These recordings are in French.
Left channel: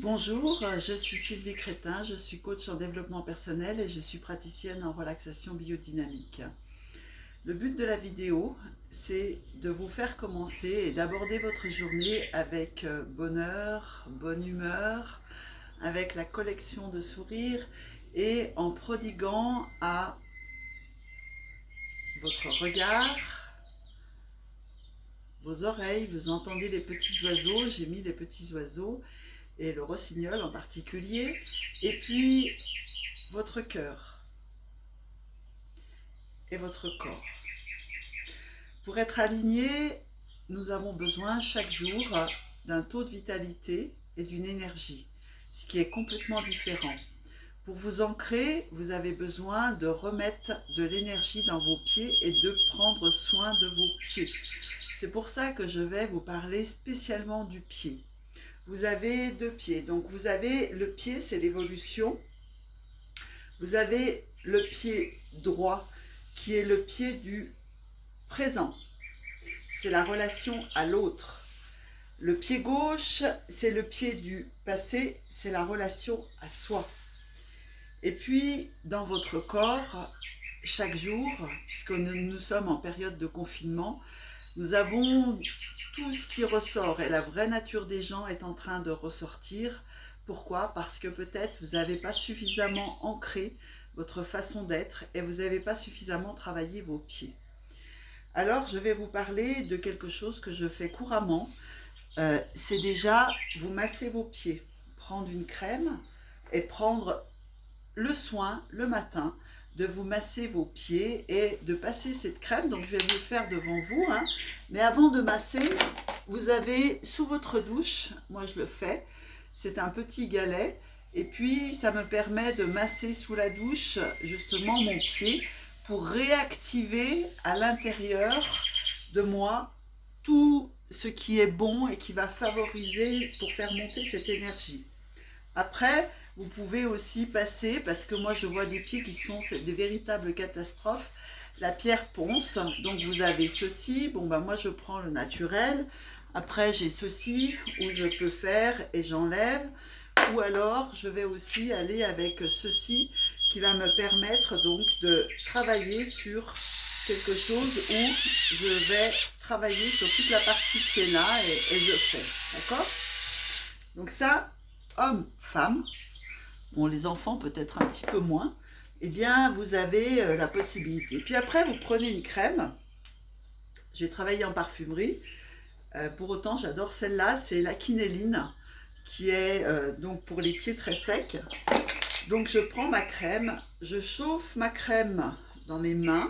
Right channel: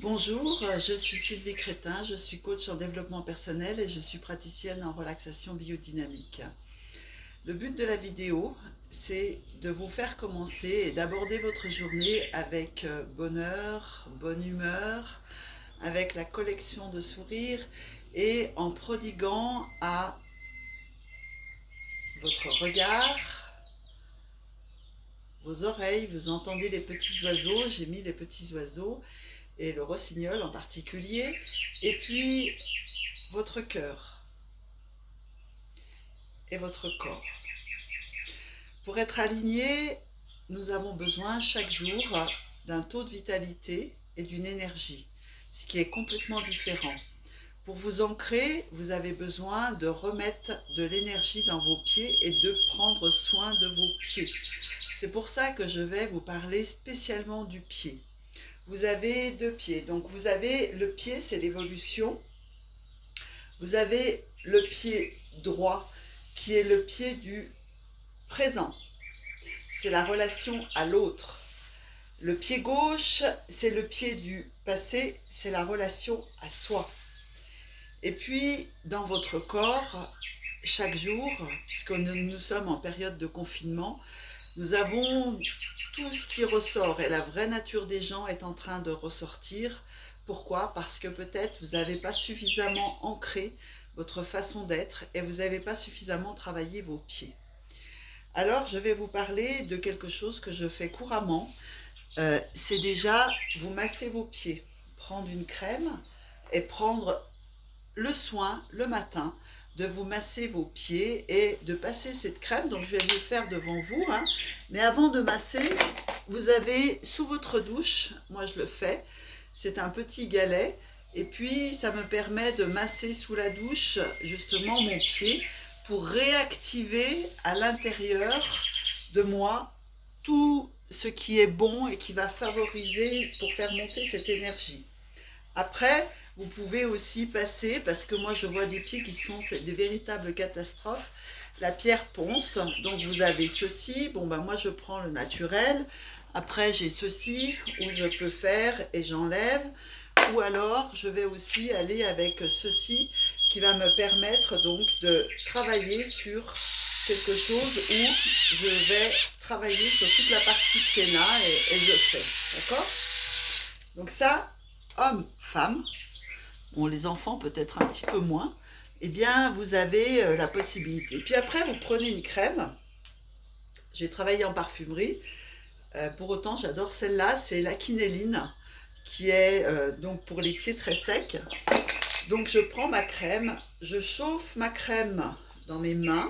Bonjour, je suis Sylvie Crétin, je suis coach en développement personnel et je suis praticienne en relaxation biodynamique. Le but de la vidéo, c'est de vous faire commencer et d'aborder votre journée avec bonheur, bonne humeur, avec la collection de sourires et en prodiguant à votre regard, vos oreilles, vous entendez les petits oiseaux, j'ai mis les petits oiseaux et le rossignol en particulier, et puis votre cœur et votre corps. Pour être aligné, nous avons besoin chaque jour d'un taux de vitalité et d'une énergie, ce qui est complètement différent. Pour vous ancrer, vous avez besoin de remettre de l'énergie dans vos pieds et de prendre soin de vos pieds. C'est pour ça que je vais vous parler spécialement du pied. Vous avez deux pieds, donc vous avez le pied, c'est l'évolution. Vous avez le pied droit, qui est le pied du présent. C'est la relation à l'autre. Le pied gauche, c'est le pied du passé, c'est la relation à soi. Et puis, dans votre corps, chaque jour, puisque nous sommes en période de confinement, nous avons tout ce qui ressort et la vraie nature des gens est en train de ressortir. Pourquoi? Parce que peut-être vous n'avez pas suffisamment ancré votre façon d'être et vous n'avez pas suffisamment travaillé vos pieds. Alors, je vais vous parler de quelque chose que je fais couramment. C'est déjà vous masser vos pieds, prendre une crème et prendre le soin le matin de vous masser vos pieds et de passer cette crème. Donc je vais vous le faire devant vous, hein. Mais avant de masser, vous avez sous votre douche, moi je le fais, c'est un petit galet et puis ça me permet de masser sous la douche justement mon pied pour réactiver à l'intérieur de moi tout ce qui est bon et qui va favoriser pour faire monter cette énergie. Après, vous pouvez aussi passer, parce que moi je vois des pieds qui sont des véritables catastrophes, la pierre ponce. Donc vous avez ceci, bon ben moi je prends le naturel. Après j'ai ceci où je peux faire et j'enlève. Ou alors je vais aussi aller avec ceci qui va me permettre donc de travailler sur quelque chose où je vais travailler sur toute la partie qui est là et je fais. D'accord? Donc ça, homme, femme, bon, les enfants peut-être un petit peu moins, eh bien, vous avez la possibilité. Puis après, vous prenez une crème. J'ai travaillé en parfumerie. Pour autant, j'adore celle-là. C'est la quinelline, qui est donc pour les pieds très secs. Donc, je prends ma crème. Je chauffe ma crème dans mes mains.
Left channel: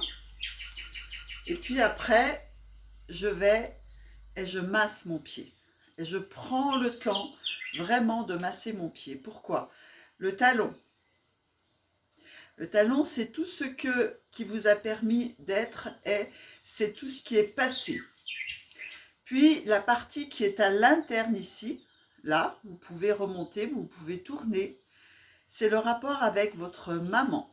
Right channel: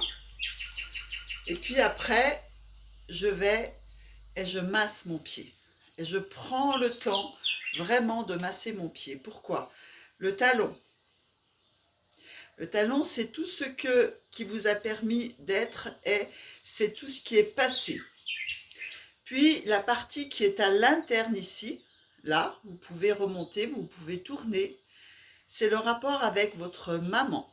Et puis après, je vais et je masse mon pied. Et je prends le temps vraiment de masser mon pied. Pourquoi? Le talon. Le talon, c'est tout ce qui vous a permis d'être et c'est tout ce qui est passé. Puis la partie qui est à l'interne ici, là, vous pouvez remonter, vous pouvez tourner. C'est le rapport avec votre maman.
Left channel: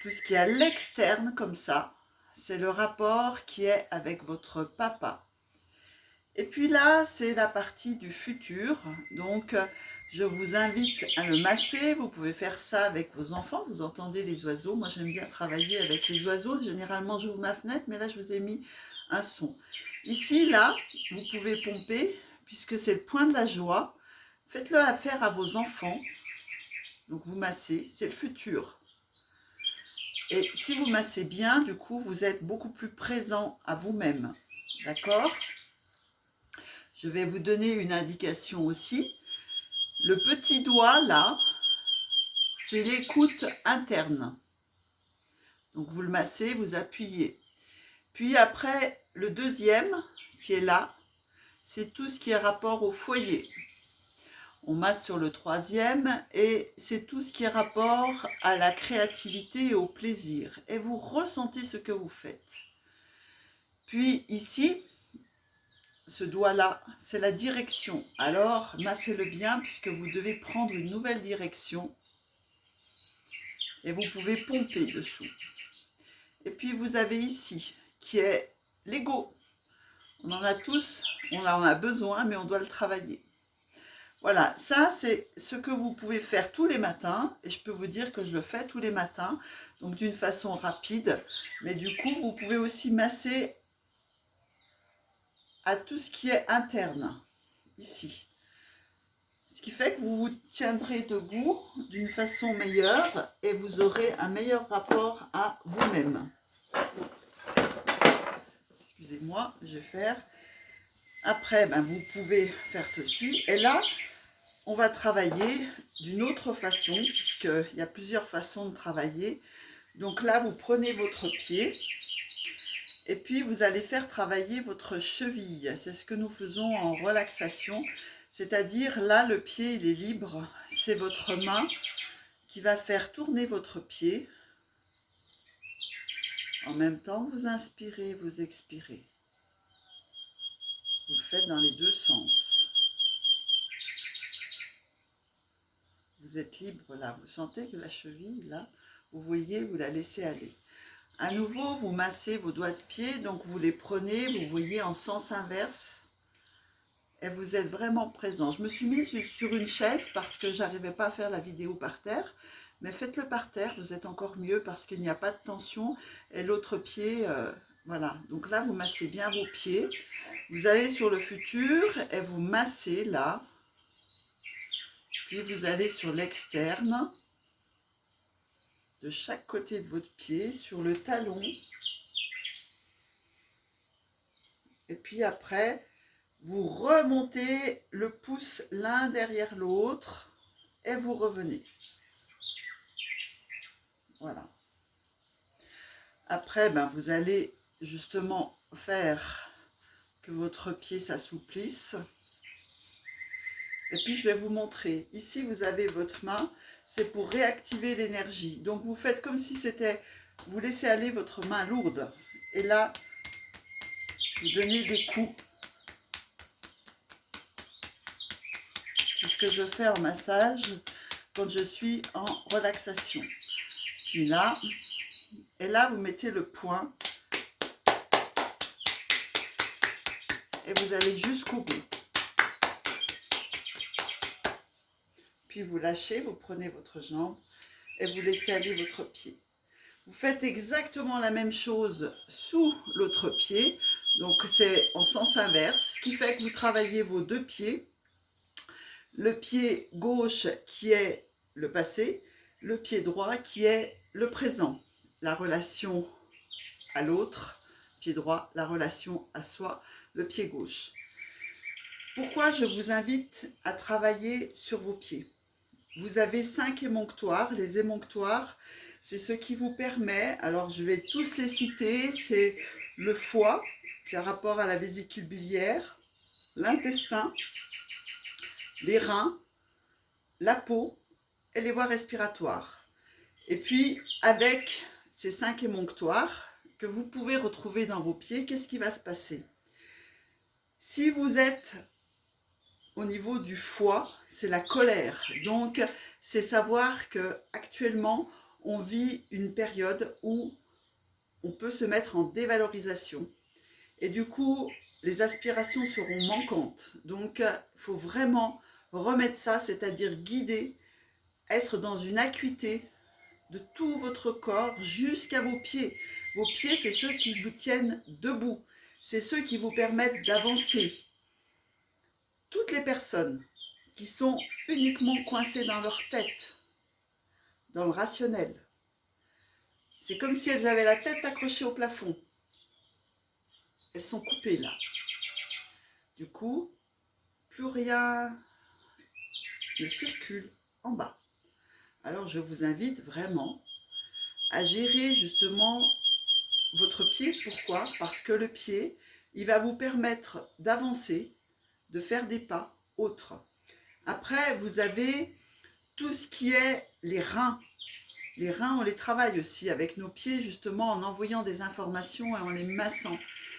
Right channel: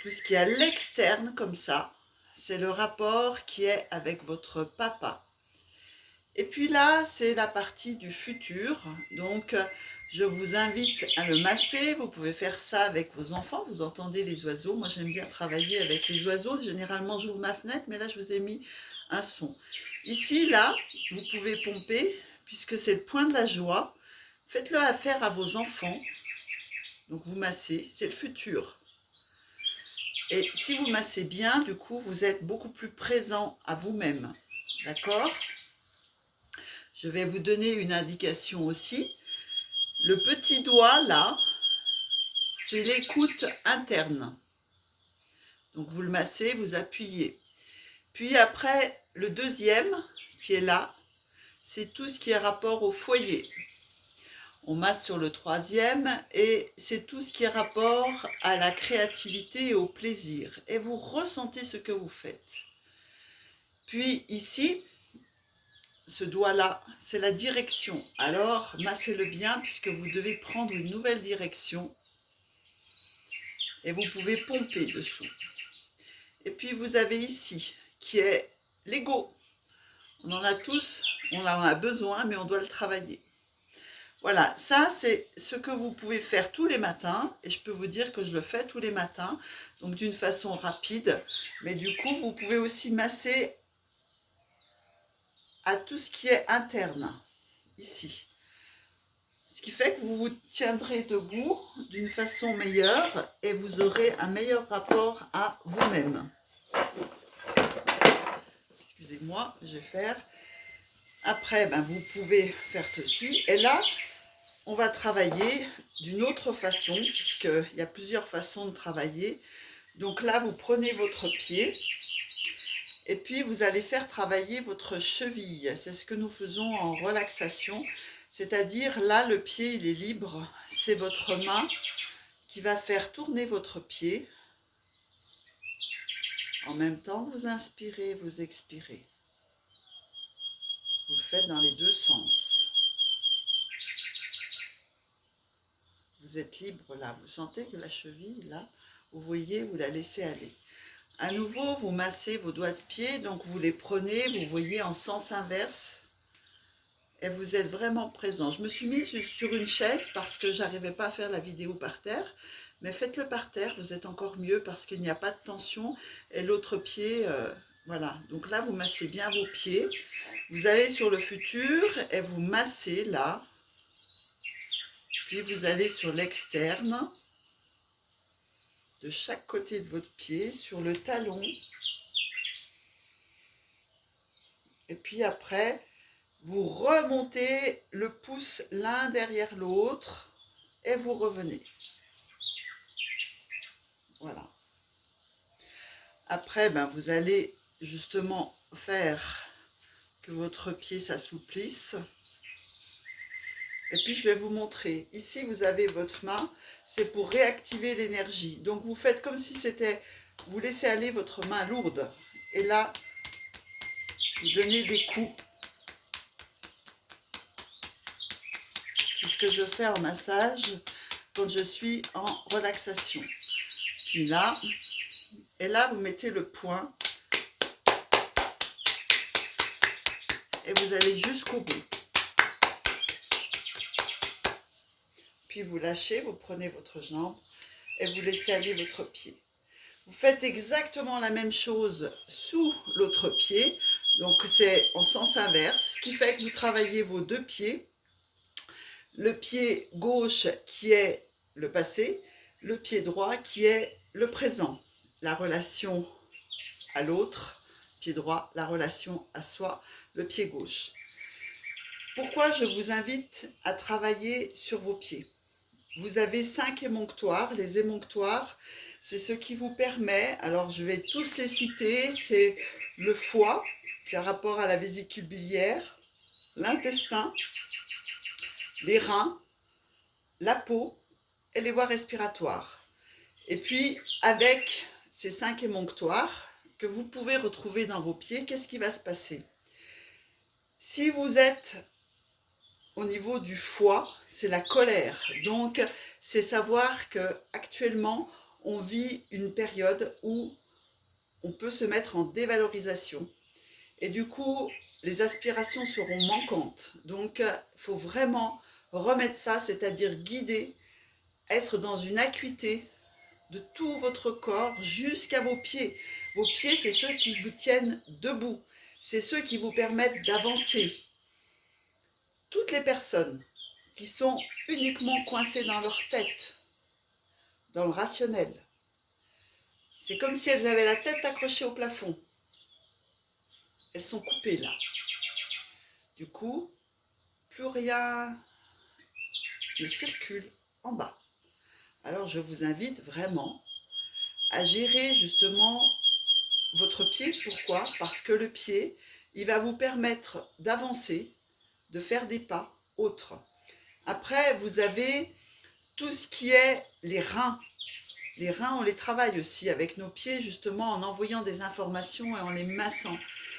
Tout ce qui est à l'externe comme ça, c'est le rapport qui est avec votre papa. Et puis là, c'est la partie du futur. Donc, je vous invite à le masser. Vous pouvez faire ça avec vos enfants. Vous entendez les oiseaux. Moi, j'aime bien travailler avec les oiseaux. Généralement, j'ouvre ma fenêtre, mais là, je vous ai mis un son. Ici, là, vous pouvez pomper, puisque c'est le point de la joie. Faites-le à faire à vos enfants. Donc, vous massez. C'est le futur. Et si vous massez bien, du coup, vous êtes beaucoup plus présent à vous-même. D'accord ? Je vais vous donner une indication aussi. Le petit doigt, là, c'est l'écoute interne. Donc, vous le massez, vous appuyez. Puis après, le deuxième, qui est là, c'est tout ce qui est rapport au foyer. On masse sur le troisième et c'est tout ce qui est rapport à la créativité et au plaisir. Et vous ressentez ce que vous faites. Puis ici, ce doigt-là, c'est la direction. Alors, massez-le bien puisque vous devez prendre une nouvelle direction et vous pouvez pomper dessous. Et puis, vous avez ici, qui est l'ego. On en a tous, on en a besoin, mais on doit le travailler. Voilà, ça c'est ce que vous pouvez faire tous les matins et je peux vous dire que je le fais tous les matins, donc d'une façon rapide, mais du coup vous pouvez aussi masser à tout ce qui est interne, ici. Ce qui fait que vous vous tiendrez debout d'une façon meilleure et vous aurez un meilleur rapport à vous-même. Excusez-moi, je vais faire. Après, vous pouvez faire ceci. Et là, on va travailler d'une autre façon, puisqu'il y a plusieurs façons de travailler. Donc là, vous prenez votre pied et puis vous allez faire travailler votre cheville. C'est ce que nous faisons en relaxation. C'est-à-dire, là, le pied, il est libre. C'est votre main qui va faire tourner votre pied. En même temps, vous inspirez, vous expirez. Vous le faites dans les deux sens. Vous êtes libre là. Vous sentez que la cheville, là, vous voyez, vous la laissez aller. À nouveau, vous massez vos doigts de pied. Donc, vous les prenez, vous voyez, en sens inverse. Et vous êtes vraiment présent. Je me suis mise sur une chaise parce que j'arrivais pas à faire la vidéo par terre. Mais faites-le par terre, vous êtes encore mieux parce qu'il n'y a pas de tension. Et l'autre pied, voilà. Donc là, vous massez bien vos pieds. Vous allez sur le futur et vous massez là. Puis vous allez sur l'externe, de chaque côté de votre pied, sur le talon. Et puis après, vous remontez le pouce l'un derrière l'autre et vous revenez. Voilà. Après, vous allez justement faire que votre pied s'assouplisse. Et puis, je vais vous montrer. Ici, vous avez votre main. C'est pour réactiver l'énergie. Donc, vous faites comme si c'était... Vous laissez aller votre main lourde. Et là, vous donnez des coups. C'est ce que je fais en massage quand je suis en relaxation. Puis là, et là, vous mettez le poing. Et vous allez jusqu'au bout. Puis vous lâchez, vous prenez votre jambe et vous laissez aller votre pied. Vous faites exactement la même chose sous l'autre pied. Donc c'est en sens inverse, ce qui fait que vous travaillez vos deux pieds. Le pied gauche qui est le passé, le pied droit qui est le présent. La relation à l'autre, pied droit, la relation à soi, le pied gauche. Pourquoi je vous invite à travailler sur vos pieds? Vous avez 5 émonctoires. Les émonctoires, c'est ce qui vous permet, alors je vais tous les citer, c'est le foie, qui a rapport à la vésicule biliaire, l'intestin, les reins, la peau et les voies respiratoires. Et puis, avec ces 5 émonctoires que vous pouvez retrouver dans vos pieds, qu'est-ce qui va se passer? Si vous êtes au niveau du foie, c'est la colère. Donc, c'est savoir qu'actuellement, on vit une période où on peut se mettre en dévalorisation. Et du coup, les aspirations seront manquantes. Donc, il faut vraiment remettre ça, c'est-à-dire guider, être dans une acuité de tout votre corps jusqu'à vos pieds. Vos pieds, c'est ceux qui vous tiennent debout. C'est ceux qui vous permettent d'avancer. Toutes les personnes qui sont uniquement coincées dans leur tête, dans le rationnel, c'est comme si elles avaient la tête accrochée au plafond. Elles sont coupées là. Du coup, plus rien ne circule en bas. Alors je vous invite vraiment à gérer justement votre pied. Pourquoi? Parce que le pied, il va vous permettre d'avancer, de faire des pas autres. Après, vous avez tout ce qui est les reins. Les reins, on les travaille aussi avec nos pieds, justement, en envoyant des informations et en les massant.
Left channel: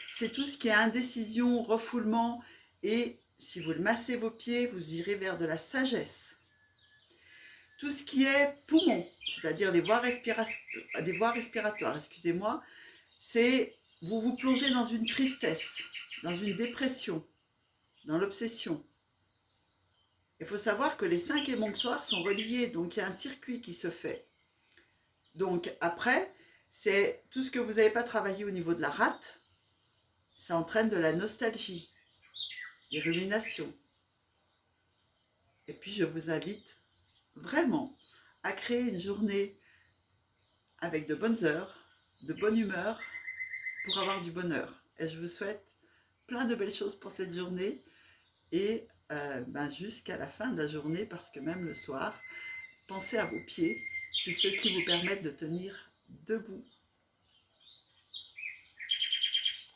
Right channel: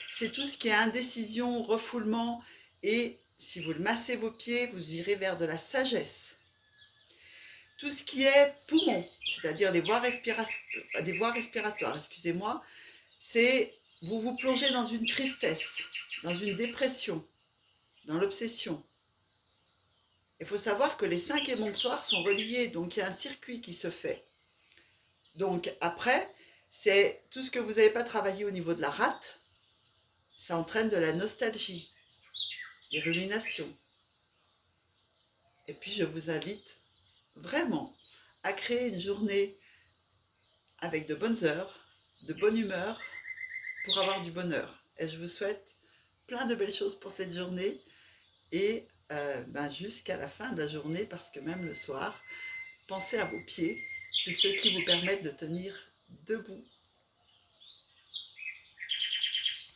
C'est tout ce qui est indécision, refoulement. Et si vous massez vos pieds, vous irez vers de la sagesse. Tout ce qui est poumon, c'est-à-dire des voies respiratoires, excusez-moi, c'est vous vous plongez dans une tristesse, dans une dépression, dans l'obsession. Il faut savoir que les 5 émonctoires sont reliés, donc il y a un circuit qui se fait. Donc après, c'est tout ce que vous n'avez pas travaillé au niveau de la rate, ça entraîne de la nostalgie, des ruminations. Et puis je vous invite vraiment à créer une journée avec de bonnes heures, de bonne humeur, pour avoir du bonheur. Et je vous souhaite plein de belles choses pour cette journée et jusqu'à la fin de la journée, parce que même le soir, pensez à vos pieds, c'est ceux qui vous permettent de tenir debout